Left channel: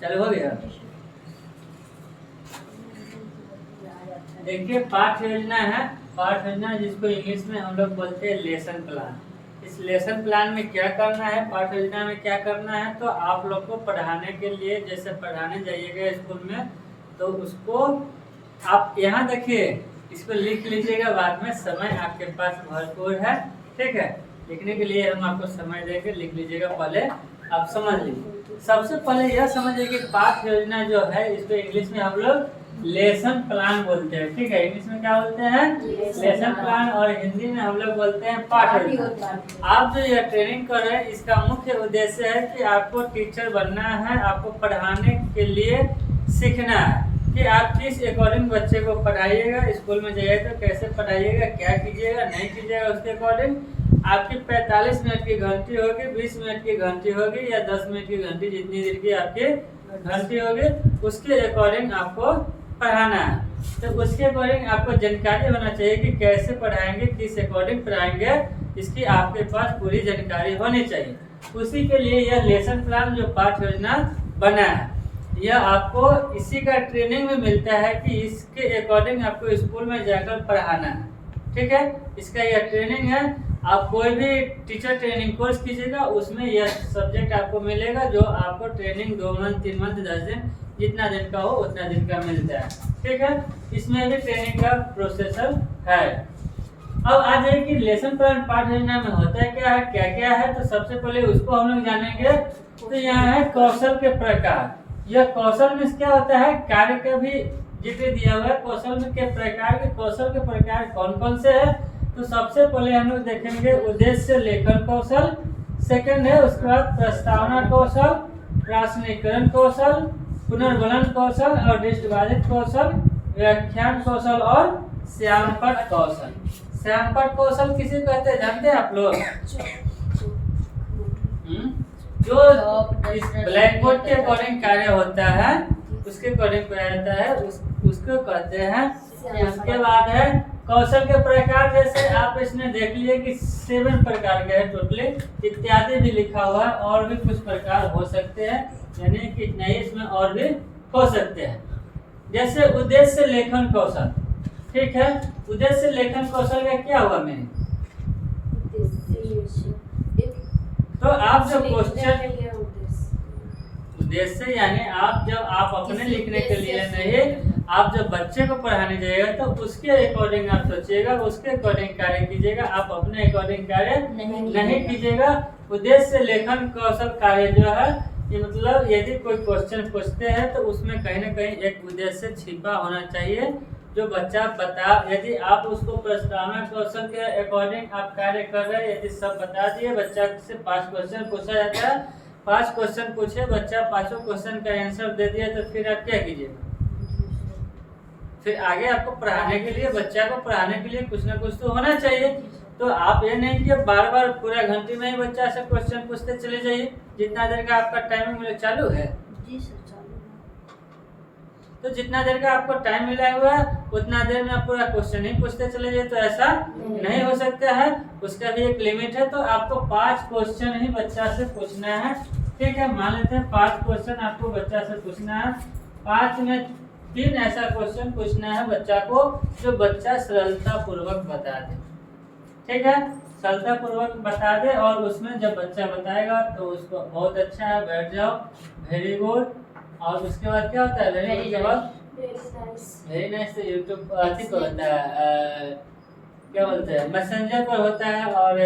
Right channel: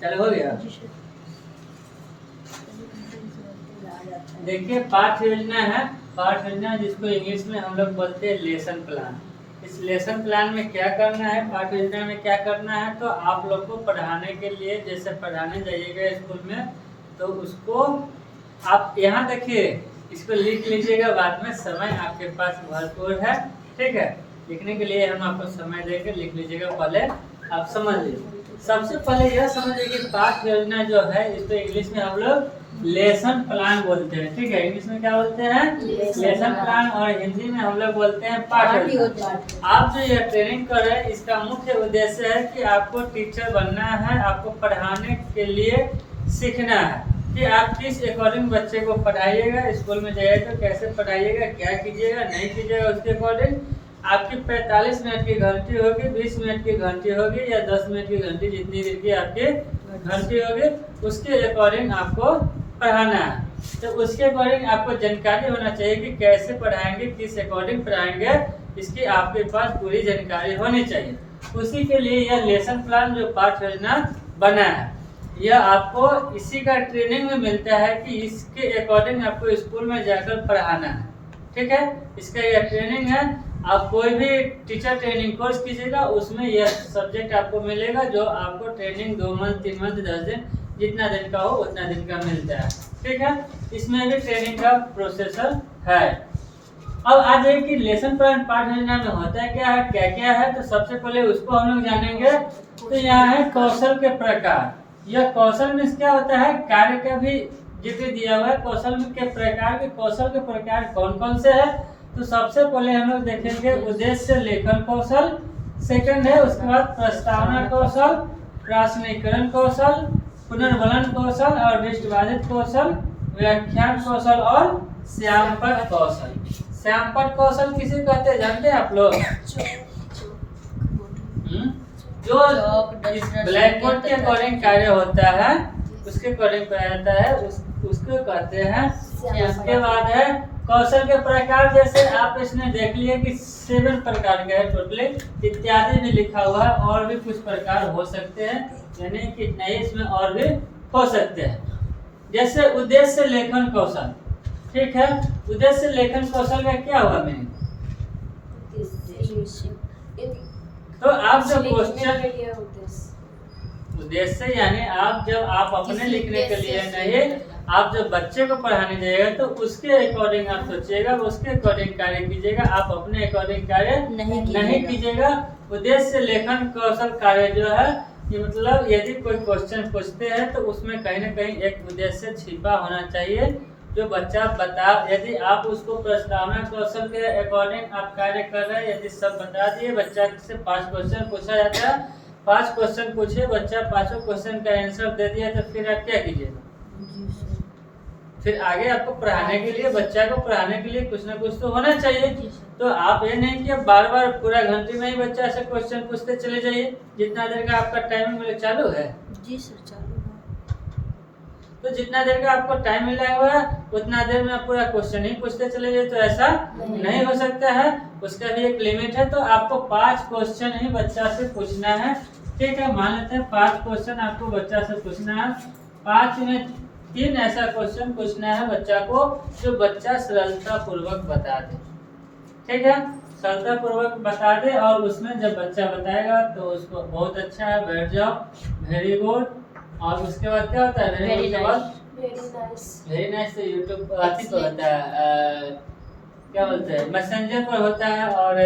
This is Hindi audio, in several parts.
चलो हो गया। देखिए पाठ योजना है, पाठ योजना जिसको इंग्लिश में हम लोग बोलते हैं लेसन प्लान। इस लेसन प्लान में क्या करना है, पाठ योजना में क्या करना है, तो आप लोग को पढ़ाने के लिए जैसे पढ़ाने जाइएगा स्कूल में तो उसको आप यहाँ देखिए इसको लिख लीजिएगा, बाद में समय आपके पास भरपूर है, ठीक है। लिखने के लिए हम आपको समय देकर लिख लीजिएगा, पहले आप समझ लीजिए। सबसे पहले यह समझिए कि पाठ योजना जो है इसको इंग्लिश में हम लोग लेसन प्लान बोलते हैं, ठीक है। इंग्लिश में क्या बोलते हैं, लेसन प्लान, और हिंदी में हम लोग बोलते हैं पाठ योजना। आप जो ये ट्रेनिंग कर रहे हैं इसका मुख्य उद्देश्य है कि आपको टीचर बनना है, आपको पढ़ाने के लिए सीखना है कि आप किस अकॉर्डिंग बच्चे को पढ़ाइएगा, स्कूल में जाइए तो कैसे पढ़ाइएगा, क्या कीजिएगा नहीं कीजिएगा, उसके अकॉर्डिंग आपकी 45 मिनट की घंटी होगी, 20 मिनट की घंटी होगी या 10 मिनट की घंटी, जितनी देर की आपकी घंटी होगी उसके अकॉर्डिंग आपको पढ़ाना है। तो उसके अकॉर्डिंग आपको जानकारी होना चाहिए कि कैसे पढ़ाएंगे, किस अकॉर्डिंग पढ़ाएंगे, इसकी आपके पास पूरी जानकारी होनी चाहिए। उसी के लिए यह लेसन प्लान जो पाठ योजना बना है, यह आपको इसी का ट्रेनिंग में मिलता है कि इसके अकॉर्डिंग आपको स्कूल में जाकर पढ़ाना है, ठीक है। इसका यह ट्रेनिंग है। आप कोई भी टीचर ट्रेनिंग कोर्स कीजिएगा उसमें यह सब्जेक्ट आपको मिलेगा, जो आपको ट्रेनिंग 2 मंथ 3 मंथ 10 दिन जितना दिन का हो उतना दिन का मिलता है, ठीक है। इसमें भी ट्रेनिंग का प्रोसेसर है। अब आ जाए कि लेसन प्लान पाठ योजना में होता है क्या है, क्या क्या है, तो सबसे पहले उसको हम लोग जानेंगे। तो यहाँ है कौशल के प्रकार। यह कौशल में क्या होता है, कार्य का भी जिक्र दिया हुआ है। कौशल में के प्रकार के, कौशल के प्रकार कौन कौन से है, तो सबसे पहले हम लोग देखेंगे उद्देश्य लेखन कौशल, सेकंड है उसके बाद प्रस्तावना कौशल, प्रासनीकरण कौशल, पुनर्वलन कौशल और दृष्टिबाधित कौशल, व्याख्यान कौशल और श्यामपट कौशल। श्यामपट कौशल किसे कहते हैं जानते हैं आप लोग? जो इस ब्लैक बोर्ड के अकॉर्डिंग कार्य होता है उसके अकॉर्डिंग पढ़ाया जाता है, उसको कहते हैं। उसके बाद है कौशल के प्रकार, जैसे आप इसमें देख लिए कि 7 प्रकार के है टोटली, इत्यादि भी लिखा हुआ है, और भी कुछ प्रकार हो सकते हैं, यानी कि नहीं इसमें और भी हो सकते हैं। जैसे उद्देश्य लेखन कौशल, ठीक है। उद्देश्य लेखन कौशल का क्या हुआ में, तो आप जो क्वेश्चन उद्देश्य यानी आप जब आप अपने लिखने के लिए नहीं, आप जब बच्चे को पढ़ाने जाइएगा तो उसके अकॉर्डिंग आप सोचिएगा, उसके अकॉर्डिंग कार्य कीजिएगा, आप अपने अकॉर्डिंग कार्य नहीं कीजिएगा। उद्देश्य लेखन कौशल कार्य जो है ये मतलब यदि कोई क्वेश्चन पूछते हैं तो उसमें कहीं ना कहीं एक उद्देश्य छिपा होना चाहिए जो बच्चा बता। यदि आप उसको प्रस्तावना कौशल के अकॉर्डिंग आप कार्य कर रहे हैं, यदि सब बता दिए, बच्चा से 5 क्वेश्चन पूछा जाता है, 5 क्वेश्चन पूछे, बच्चा 5 क्वेश्चन का आंसर दे दिया, तो फिर आप क्या कीजिएगा? फिर आगे आपको पढ़ाने के लिए, बच्चा को पढ़ाने के लिए कुछ ना कुछ तो होना चाहिए। तो आप ये नहीं कि बार बार पूरा घंटे में ही बच्चा से क्वेश्चन पूछते चले जाइए। जितना देर का आपका टाइम मिले, चालू है जी सर, चालू है। तो जितना देर का आपको टाइम मिला हुआ है उतना देर में आप पूरा क्वेश्चन ही पूछते चले जाइए, तो ऐसा नहीं हो सकता है। उसका भी एक लिमिट है। तो आपको 5 क्वेश्चन ही बच्चा से पूछना है, ठीक है। मान लेते हैं 5 क्वेश्चन आपको बच्चा से पूछना है। 5 में 3 ऐसा क्वेश्चन पूछना है बच्चा को जो बच्चा सरलता पूर्वक बता दे, ठीक है। सरलता पूर्वक बता दे, और उसमें जब बच्चा बताएगा तो उसको बहुत अच्छा है, बैठ जाओ, वेरी गुड। और उसके बाद क्या होता है, वेरी गुड के बाद वेरी नाइस। तो यूट्यूब अथी पर होता है, क्या बोलते हैं, मैसेंजर पर होता है और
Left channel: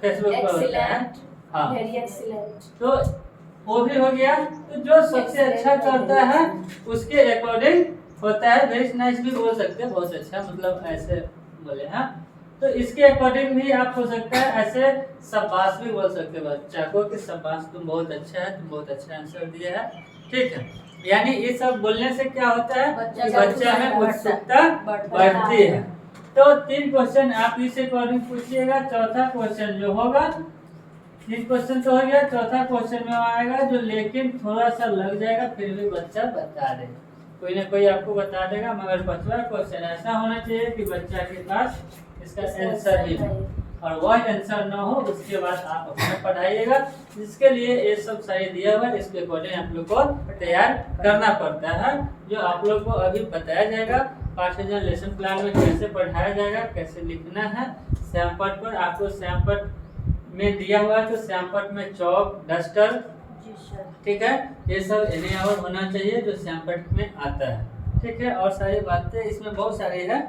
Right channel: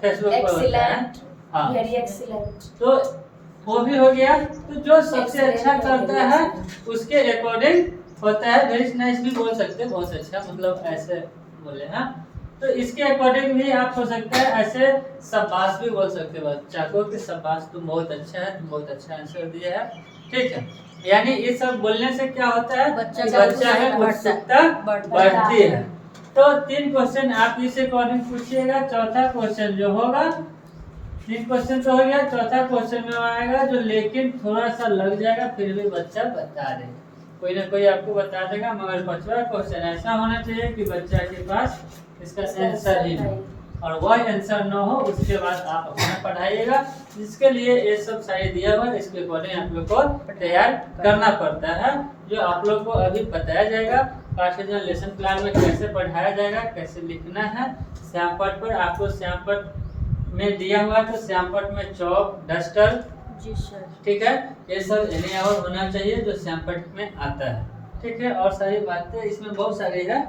फेसबुक पर होता है। हाँ, वेरी एक्सीलेंट। तो वो भी हो गया। तो जो सबसे अच्छा करता है उसके अकॉर्डिंग होता है। वेरी नाइस भी बोल सकते हैं, बहुत अच्छा, मतलब ऐसे बोले हैं। तो इसके अकॉर्डिंग भी आप हो सकता है ऐसे शाबाश भी बोल सकते हो बच्चा को कि शाबाश तुम बहुत अच्छा है, तुम बहुत अच्छा आंसर दिया है, ठीक है। यानी ये सब बोलने से क्या होता है कि बच्चा में उत्सुकता बढ़ती है। तो 3 क्वेश्चन आप इस अकॉर्डिंग पूछिएगा। चौथा क्वेश्चन जो होगा, 3 क्वेश्चन तो हो गया, चौथा क्वेश्चन में आएगा जो लेकिन थोड़ा सा लग जाएगा, फिर भी बच्चा बता दे, कोई ना कोई आपको बता देगा। मगर 5वां क्वेश्चन ऐसा होना चाहिए कि बच्चा के पास इसका आंसर ही हो। और वह आंसर न हो उसके बाद आप अपना पढ़ाइएगा। जिसके लिए ये सब सारे दिया हुआ है, इसके अकॉर्डिंग आप लोग को तैयार करना पड़ता है, जो आप लोग को अभी बताया जाएगा। पार्ट लेसन प्लान में कैसे पढ़ाया जाएगा, कैसे लिखना है। श्यामपट पर आपको श्यामपट में दिया हुआ है, तो श्यामपट में चौक डस्टर, जी सर। ठीक है, ये सब एनेबल होना चाहिए जो श्यामपट में आता है, ठीक है। और सारी बातें इसमें बहुत सारी है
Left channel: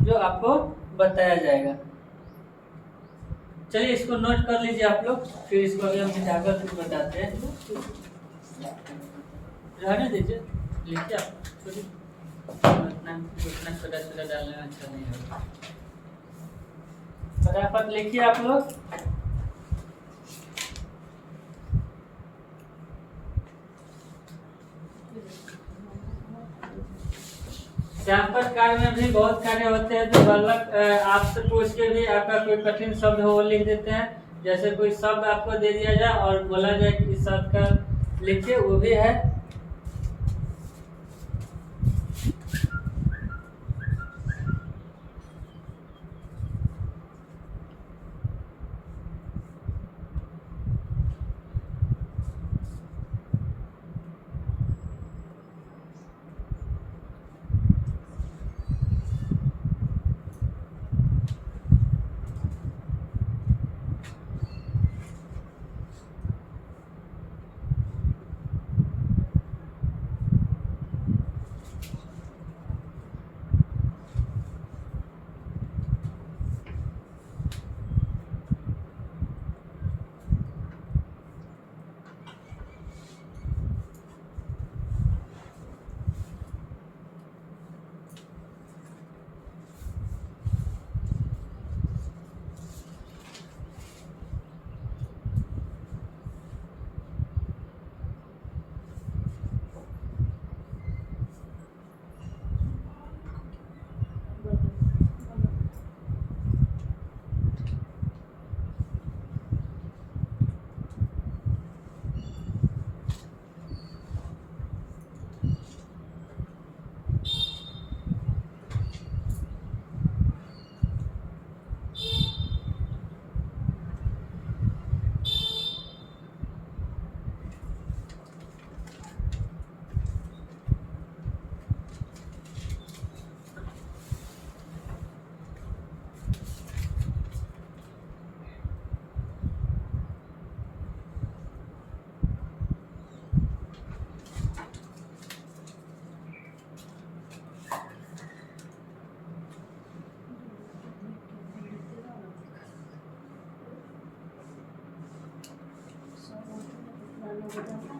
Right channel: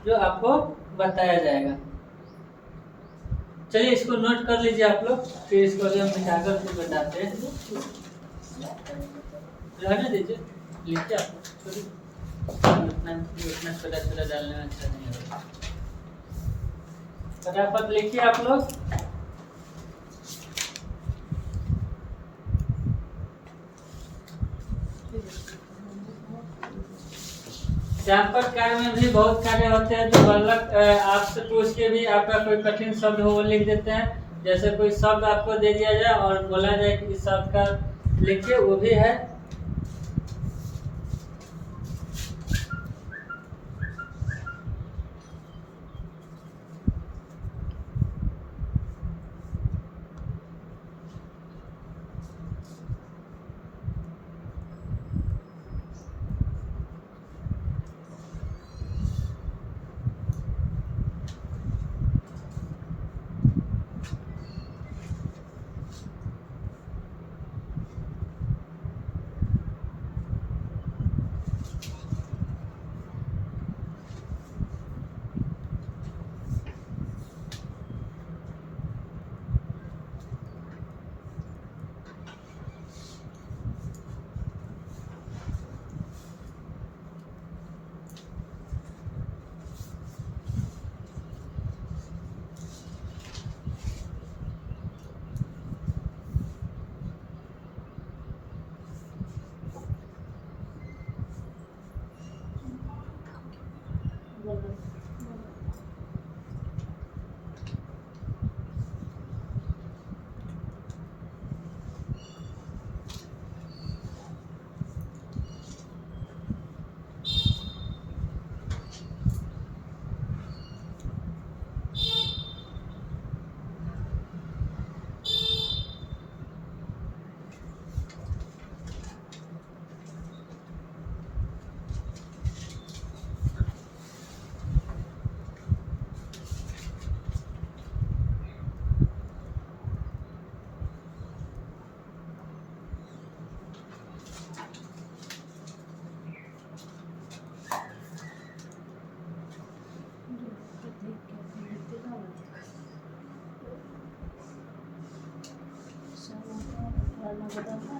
जो आपको बताया जाएगा। चलिए इसको नोट कर लीजिए आप लोग, फिर इसको अभी हम मिटाकर फिर बताते हैं। रहने दीजिए, लिखिए आप छोटी, उतना छोटा छोटा डालने में अच्छा नहीं होगा। फटाफट लिखिए आप लोग। श्यामपट कार्य में भी बहुत कार्य होते हैं जो बालक आपसे पूछ के भी आपका कोई कठिन शब्द हो वो लिख देते हैं। जैसे कोई शब्द आपको दे दिया जाए और बोला जाए कि इस शब्द का लिखिए, वो भी है।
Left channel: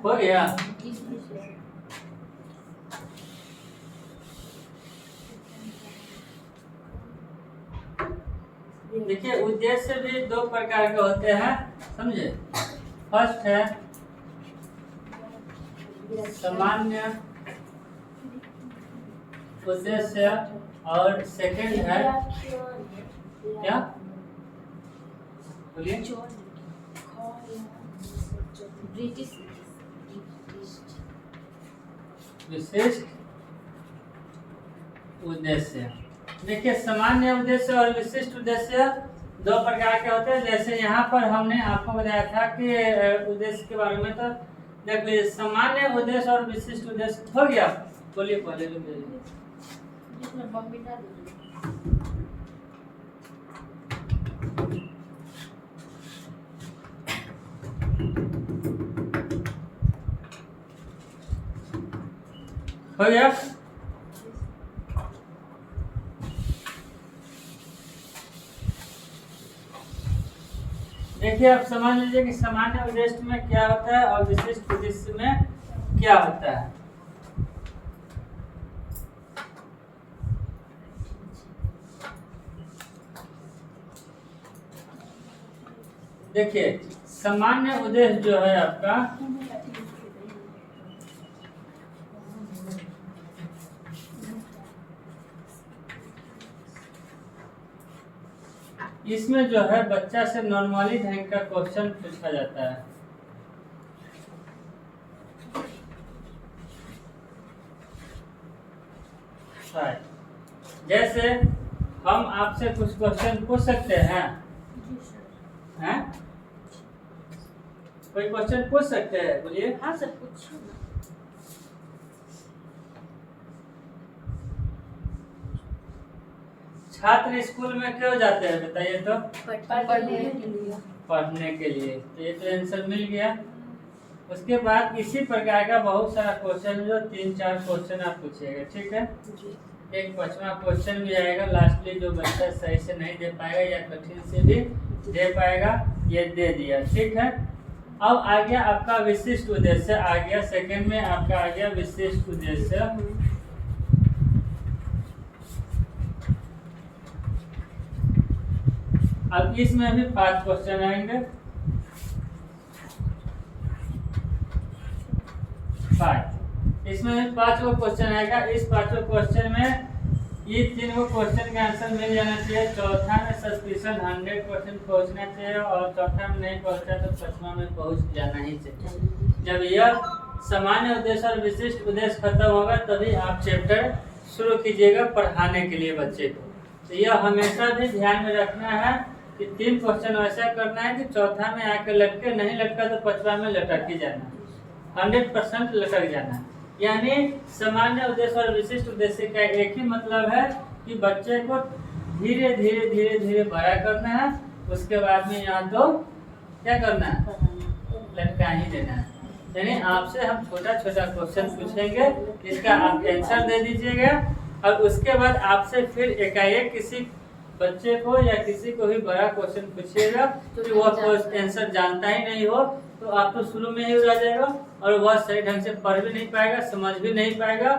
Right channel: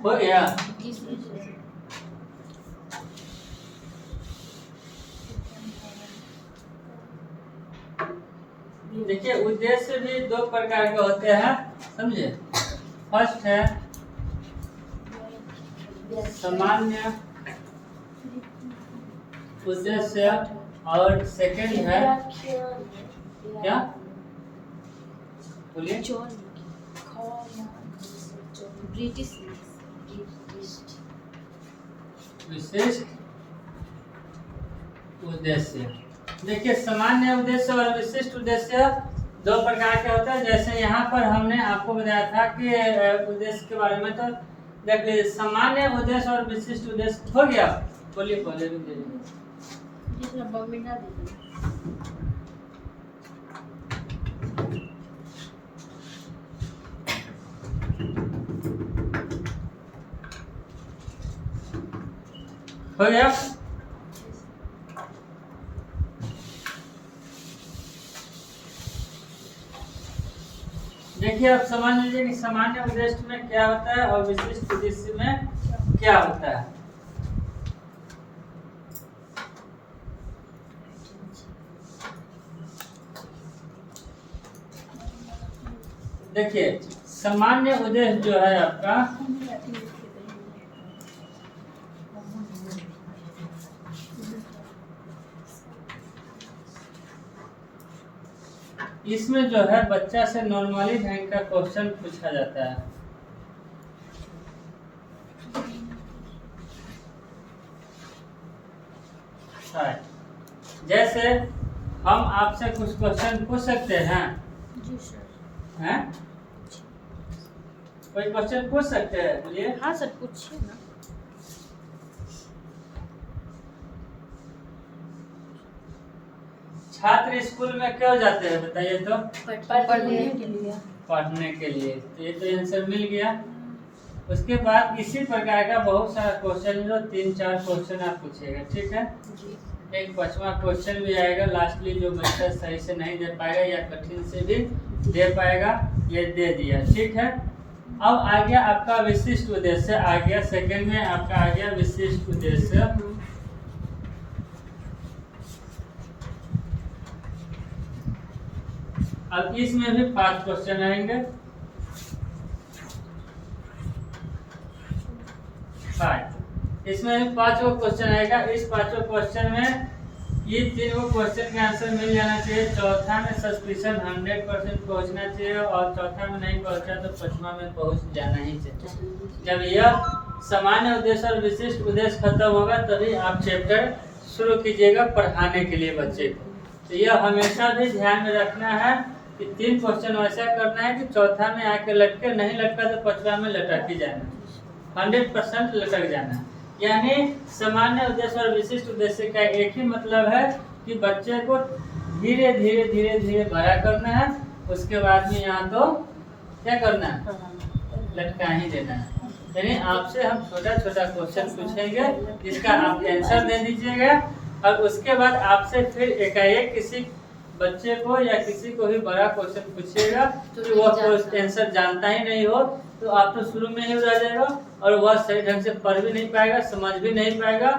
हो गया। देखिए उद्देश्य भी दो प्रकार के होते हैं, समझे। फर्स्ट है सामान्य उद्देश्य और सेकंड है क्या, बोलिए। ब्रिटिश विशिष्ट उद्देश्य। देखिए सामान्य उद्देश्य और विशिष्ट उद्देश्य दो प्रकार के होते हैं। जैसे यहाँ पर हमने आपको बताया था कि उद्देश्य के बारे में, तो देख लीजिए सामान्य उद्देश्य और विशिष्ट उद्देश्य हो गया। बोलिए पहले रुक जाइए। हो गया। देखिए आप समझ लीजिए कि सामान्य उद्देश्य में क्या होता है और विशिष्ट उद्देश्य में क्या होता है। देखिए सामान्य उद्देश्य जो है आपका, इसमें जो है बच्चा से नॉर्मली ढंग का क्वेश्चन पूछा जाता है। जैसे हम आपसे कुछ क्वेश्चन पूछ सकते हैं, जी सर। हैं? कोई क्वेश्चन पूछ सकते हैं, बोलिए। हाँ सर, पूछिए ना। छात्र स्कूल में क्यों जाते हैं, बताइए तो। पढ़ने के लिए। पढ़ने के लिए। तो ये तो आंसर मिल गया। उसके बाद इसी प्रकार का बहुत सारा क्वेश्चन, जो 3-4 क्वेश्चन आप पूछिएगा, ठीक है। जी। एक 5वां क्वेश्चन भी आएगा लास्टली, जो बच्चा सही से नहीं दे पाएगा या कठिन से भी दे पाएगा, ये दे दिया, ठीक है। अब आ गया आपका विशिष्ट उद्देश्य, आ गया सेकंड में आपका आ गया विशिष्ट उद्देश्य। अब इसमें भी 5 क्वेश्चन आएंगे। 5 इसमें भी 5 क्वेश्चन आएगा। इस 5 क्वेश्चन में ये 3 क्वेश्चन का आंसर मिल जाना चाहिए। चौथा में सस्पिशन 100% पहुंचना चाहिए, और चौथा में नहीं पहुंचा तो 5वां में पहुंच जाना ही चाहिए। जब यह सामान्य उद्देश्य और विशिष्ट उद्देश्य खत्म होगा, तभी आप चैप्टर शुरू कीजिएगा पढ़ाने के लिए बच्चे को। तो यह हमेशा भी ध्यान में रखना है कि 3 क्वेश्चन वैसा करना है कि चौथा में आके लटके, नहीं लटका तो 5वां में लटक ही जाना, 100% लटक जाना है। यानी सामान्य उद्देश्य और विशिष्ट उद्देश्य का एक ही मतलब है कि बच्चे को धीरे धीरे धीरे धीरे बड़ा करना है। उसके बाद में यहाँ तो क्या करना है, लटका ही देना है। यानी आपसे हम छोटा छोटा क्वेश्चन पूछेंगे, जिसका आप आंसर दे दीजिएगा, और उसके बाद आपसे फिर एकाएक किसी बच्चे को या किसी को भी बड़ा क्वेश्चन पूछिएगा कि वह आंसर जानता ही नहीं हो, तो आप तो शुरू में ही रह जाएगा, और वह सही ढंग से पढ़ भी नहीं पाएगा, समझ भी नहीं पाएगा,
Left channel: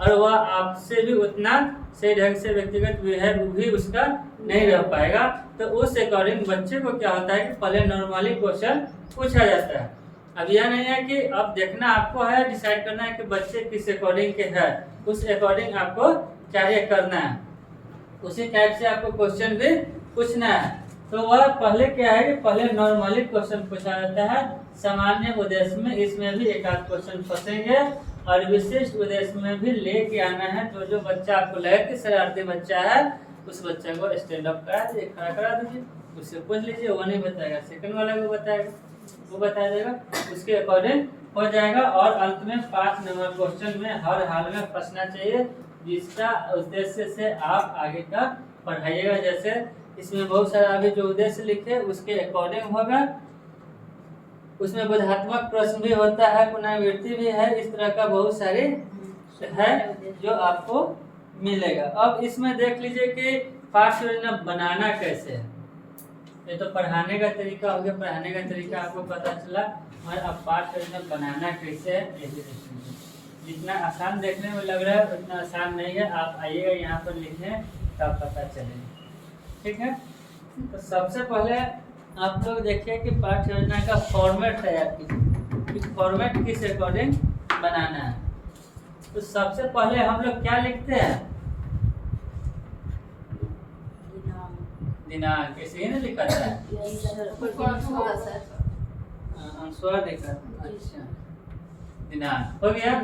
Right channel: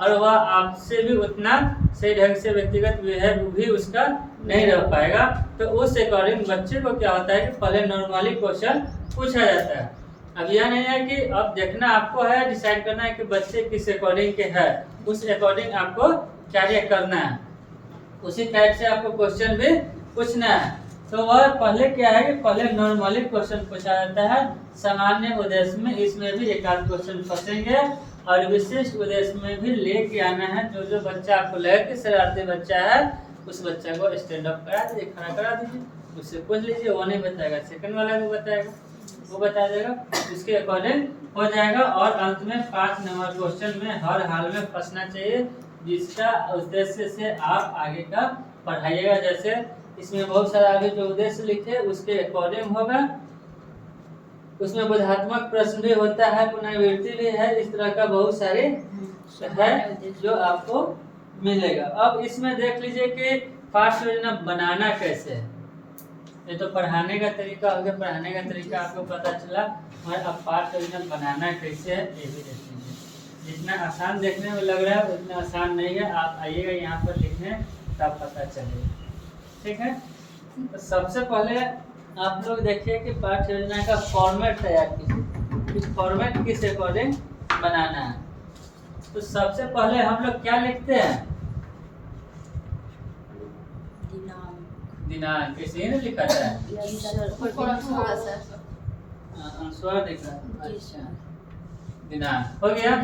और वह आपसे भी उतना सही ढंग से व्यक्तिगत बिहेव भी उसका नहीं रह पाएगा। तो उस अकॉर्डिंग बच्चे को क्या होता है कि पहले नॉर्मली क्वेश्चन पूछा जाता है। अब यह नहीं है कि अब देखना आपको है, डिसाइड करना है कि बच्चे किस अकॉर्डिंग के है, उस अकॉर्डिंग आपको कार्य करना है, उसी टाइप से आपको क्वेश्चन भी पूछना है। तो वह पहले क्या है कि पहले नॉर्मली क्वेश्चन पूछा जाता है, सामान्य उद्देश्य में इसमें भी एक आध क्वेश्चन फंसेंगे, और विशिष्ट उद्देश्य में भी लेके आना है। जो जो बच्चा आपको लगे कि शरारती बच्चा है, उस बच्चा को स्टैंड अप करा दीजिए, खड़ा करा दीजिए, उससे पूछ लीजिए, वो नहीं बताएगा, सेकंड वाला को बताएगा, वो बता देगा, उसके अकॉर्डिंग हो जाएगा। और अंत में 5 नंबर क्वेश्चन में हर हाल में फंसना चाहिए, जिसका उद्देश्य से आप आगे का पढ़ाइएगा। जैसे इसमें बहुत सारा आगे जो उद्देश्य लिखे उसके अकॉर्डिंग होगा। उसमें बोधात्मक प्रश्न भी होता है, पुनरावृत्ति भी है, इस तरह का बहुत सारे है जो आपको मिलेगा। अब इसमें देख लीजिए कि पाठ्य योजना बनाना कैसे है। ये तो पढ़ाने का तरीका हो गया, पढ़ाने का तरीका आपको पता चला, और अब पाठ्य योजना बनाना कैसे है ये भी देख लीजिए। जितना आसान देखने में लग रहा है उतना आसान नहीं है। आप आइएगा यहाँ पर लिखने, तब पता चलेगा, ठीक है। तो सबसे पहले आप लोग देखिए कि पाठ्य योजना का फॉर्मेट तैयार कीजिए, कि फॉर्मेट किस अकॉर्डिंग बनाना है। तो सबसे पहले हम लोग क्या लिखते हैं, दिनांक, इसे ही लिखा था, अनुस्वार लिखा, अच्छा दिनांक हो गया।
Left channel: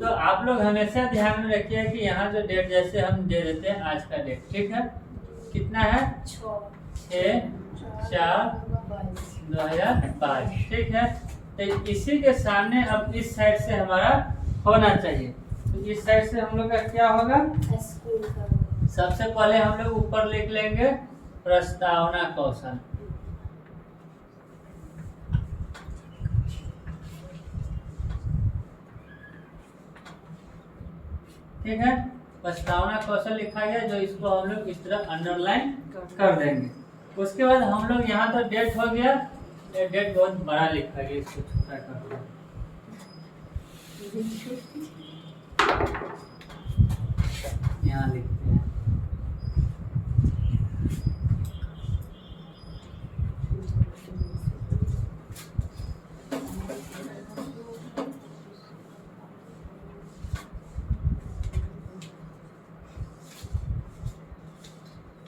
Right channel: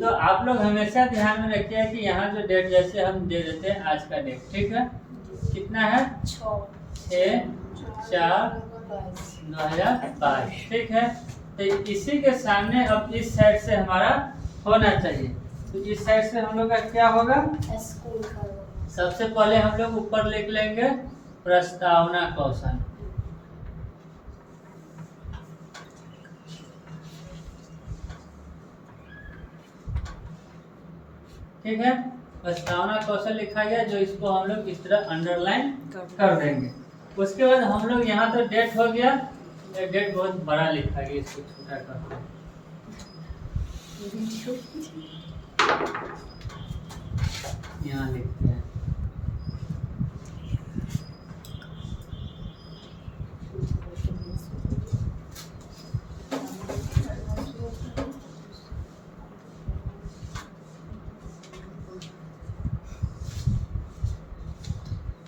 तो आप लोग हमेशा ध्यान में रखिए कि यहाँ जो डेट जैसे हम दे देते हैं आज का डेट, ठीक है, कितना है 6/4/2022, ठीक है। तो इसी के सामने अब इस साइड से हमारा होना चाहिए। तो इस साइड से हम लोग का क्या होगा, सबसे पहले हम लोग ऊपर लिख लेंगे प्रस्तावना कौशल, ठीक है। प्रस्तावना कौशल लिखा गया, जो इसको हम लोग इस तरह अंडरलाइन कर देंगे। उसके बाद हम लोग यहाँ तो डेट हो गया, डेट बहुत बड़ा लिखा गया, इसको छोटा कर यहाँ लिखते हैं।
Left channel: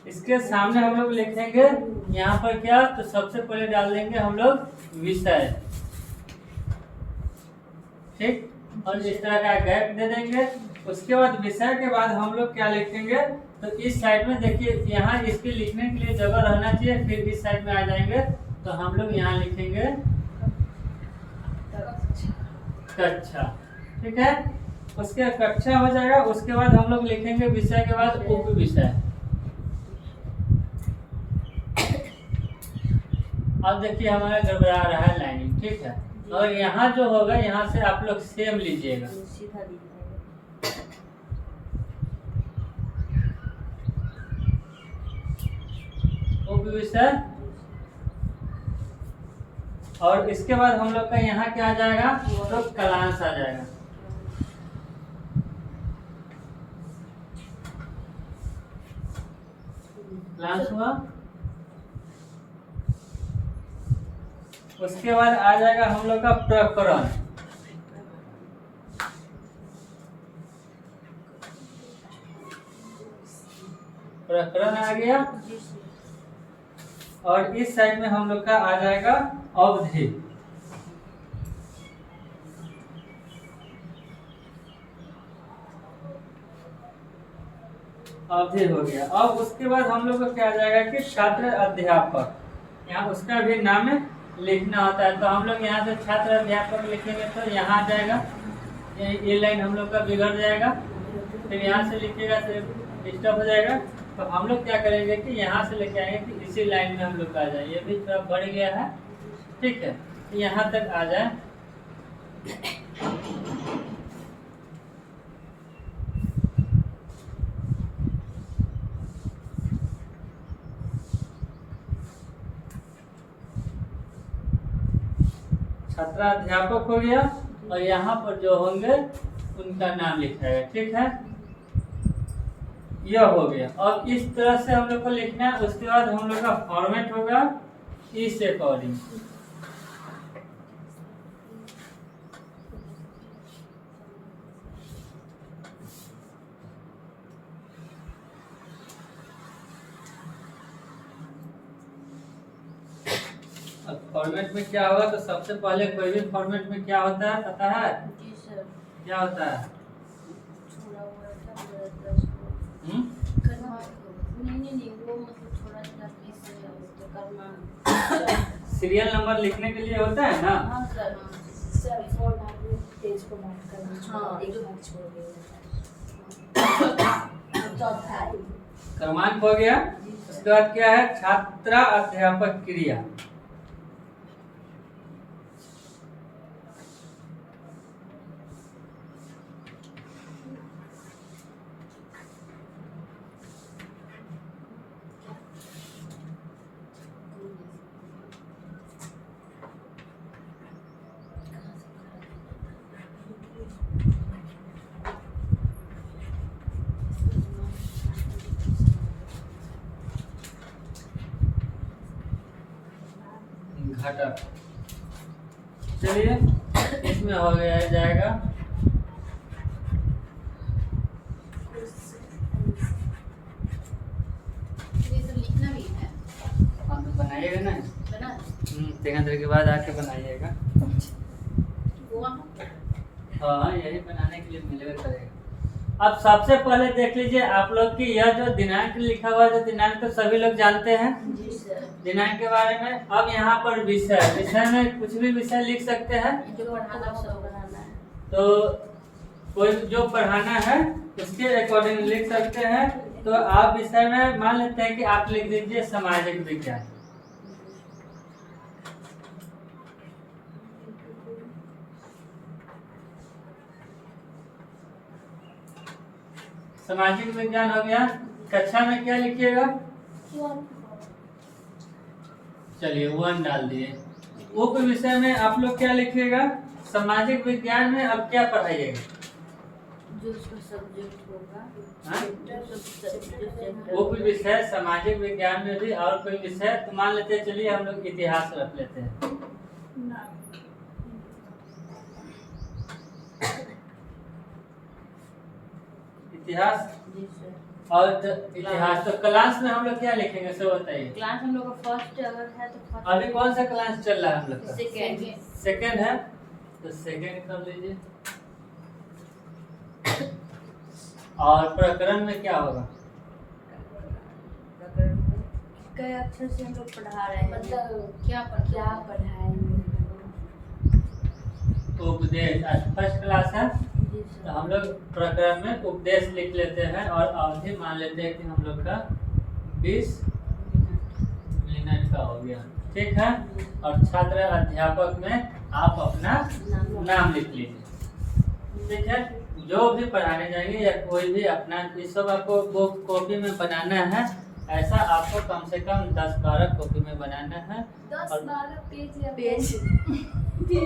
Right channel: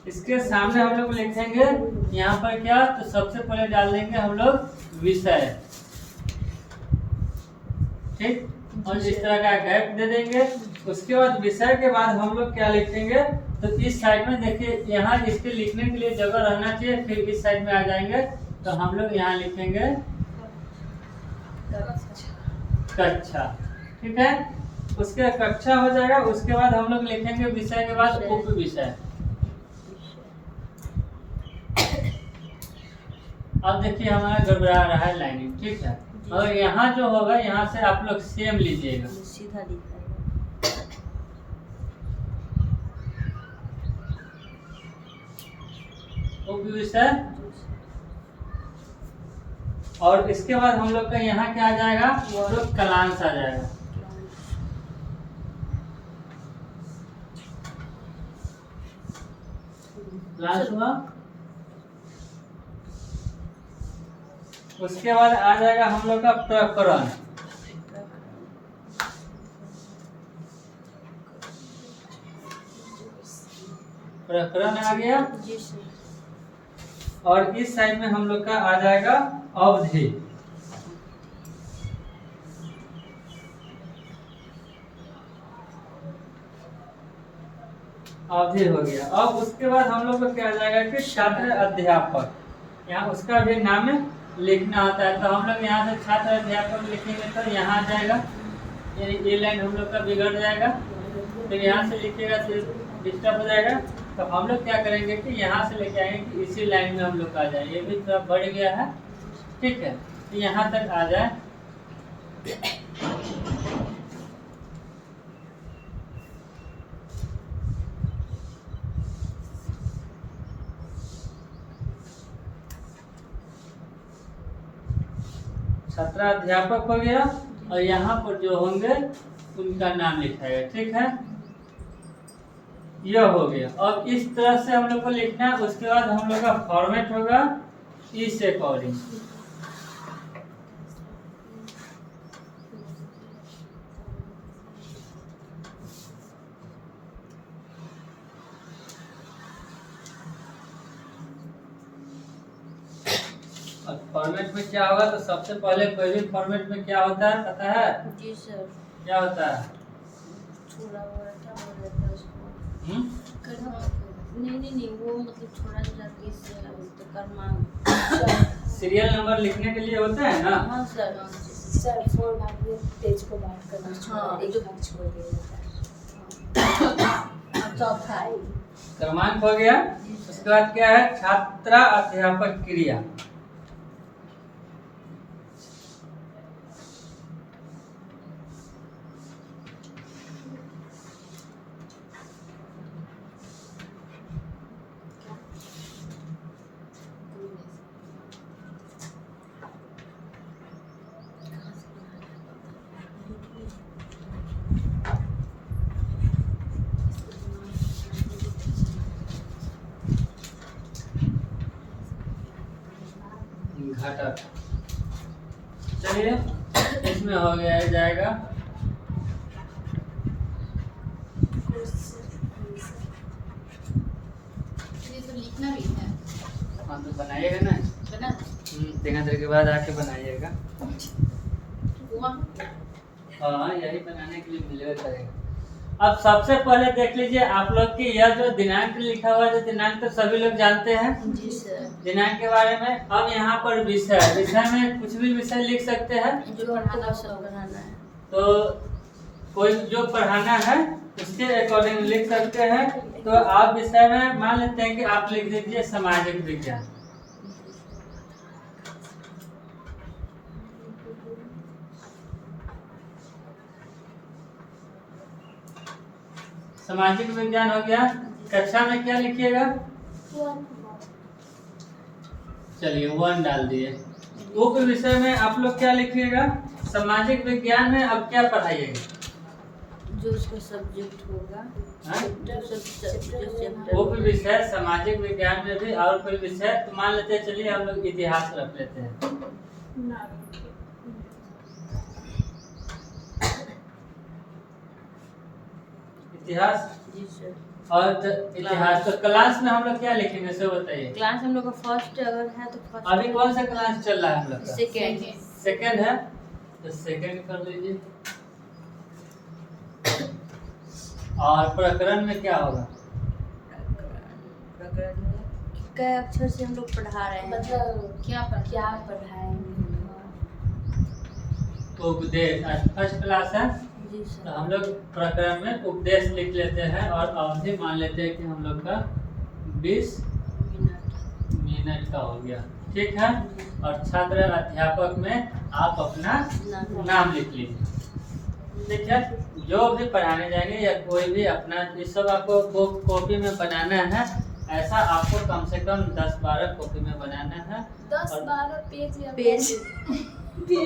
इसके सामने हम लोग लिखेंगे यहाँ पर क्या, तो सबसे पहले डाल देंगे हम लोग विषय, ठीक, और इस तरह का गैप दे देंगे। उसके बाद विषय के बाद हम लोग क्या लिखेंगे, तो इस साइड में देखिए यहाँ इसके लिखने के लिए जगह रहना चाहिए, फिर इस साइड में आ जाएंगे तो हम लोग यहाँ लिखेंगे कक्षा। ठीक है, उसके कक्षा हो जाएगा। उसके बाद हम लोग लिखेंगे विषय के बाद उप विषय। अब देखिए हमारा घबरा रहा है लाइनिंग। ठीक है, और यहाँ जो होगा यहाँ से आप लोग सेम लीजिएगा, सीधा उप विषय। और इसके बाद हम लोग का यहाँ क्या आ जाएगा, तो कलांश आ जाएगा। कलांश हुआ। उसके बाद आ जाएगा हम लोग का प्रकरण। प्रकरण आ गया। और इस साइड में हम लोग का आ जाएगा अवधि। अवधि हो गया। अब उसके बाद हम लोग को क्या आ जाएगा कि छात्र अध्यापक, यहाँ उसका भी नाम लिखना होता है। तो हम लोग यहाँ से छात्र अध्यापक लिखेंगे तो यहाँ आ जाएगा, ये लाइन हम लोग का बिगड़ जाएगा। फिर यहाँ से लिखिएगा तो डिस्टर्ब हो जाएगा। तो हम लोग क्या करेंगे कि यहाँ से लेके आएंगे कि इसी लाइन में हम लोग आ जाए। ये भी थोड़ा बढ़ गया है। ठीक है, तो यहाँ तक आ जाए। छात्राध्यापक हो गया और यहाँ पर जो होंगे उनका नाम लिखाएगा। ठीक है, यह हो गया। और इस तरह से हम लोग को लिखना है। उसके बाद हम लोग का फॉर्मेट होगा इस अकॉर्डिंग। फॉर्मेट में क्या होगा, तो सबसे पहले कोई भी फॉर्मेट में क्या होता है पता है? जी सर। क्या होता है? नहीं वो मतलब थोड़ा सा करना सीरियल नंबर लिखने के लिए होता है ना। हाँ सर। सर 4 भाग में पेज को मार्क करना। हाँ, एक भाग छोड़ दिया जाता है। चौथा है क्रमांक हो गया। उसके बाद क्या है, छात्रा अध्यापक क्रिया। घटक। चलिए इसमें हो गया जाएगा लिखना भी है। हाँ, तो बनाइएगा ना। बना 3 देर के बाद आके बनाइएगा। हुआ। हाँ, यही बनाने के लिए मिलेगा करेगा। अब सबसे पहले देख लीजिए आप लोग की यह जो दिनांक लिखा हुआ है, तो दिनांक तो सभी लोग जानते हैं जी सर। दिनांक के बारे में। अब यहाँ पर विषय, विषय में कुछ भी विषय लिख सकते हैं। जो पढ़ाना सब बनाना है। तो कोई जो पढ़ाना है उसके अकॉर्डिंग लिख सकते हैं। तो आप विषय में मान लेते हैं कि आप लिख दीजिए सामाजिक विज्ञान। सामाजिक विज्ञान हो गया। कक्षा में क्या लिखिएगा? चलिए 1 डाल दिए। उप विषय में आप लोग क्या लिखिएगा? सामाजिक विज्ञान में अब क्या पढ़ाइएगा? जो उसका सब्जेक्ट होगा। हाँ? जो उप विषय सामाजिक विज्ञान में भी और कोई विषय तो मान लेते हैं। चलिए हम लोग इतिहास रख लेते हैं। इतिहास। जी सर। और इतिहास तो क्लास में हम लोग क्या लिखेंगे सो बताइए। क्लास हम लोग का फर्स्ट अगर है तो फर्स्ट। अभी कौन सा क्लास चल रहा है हम लोग का? सेकेंड। सेकंड है तो सेकंड कर लीजिए। और प्रकरण में क्या होगा? क अक्षर से हम लोग पढ़ा रहे हैं। मतलब क्या क्या पढ़ाएंगे? उपदेश। आज फर्स्ट क्लास है जी तो सर। हम लोग प्रकरण में उपदेश लिख लेते हैं और अवधि मान लेते हैं कि हम लोग का 20 मिनट का हो गया। ठीक है। और छात्र अध्यापक में आप अपना नाम लिख लीजिए। ठीक है। जो भी पढ़ाने जाएंगे या कोई भी अपना ये सब आपको कॉपी में बनाना है। ऐसा आपको कम से कम 10-12 कॉपी में बनाना है। 10-12 पेज या पेज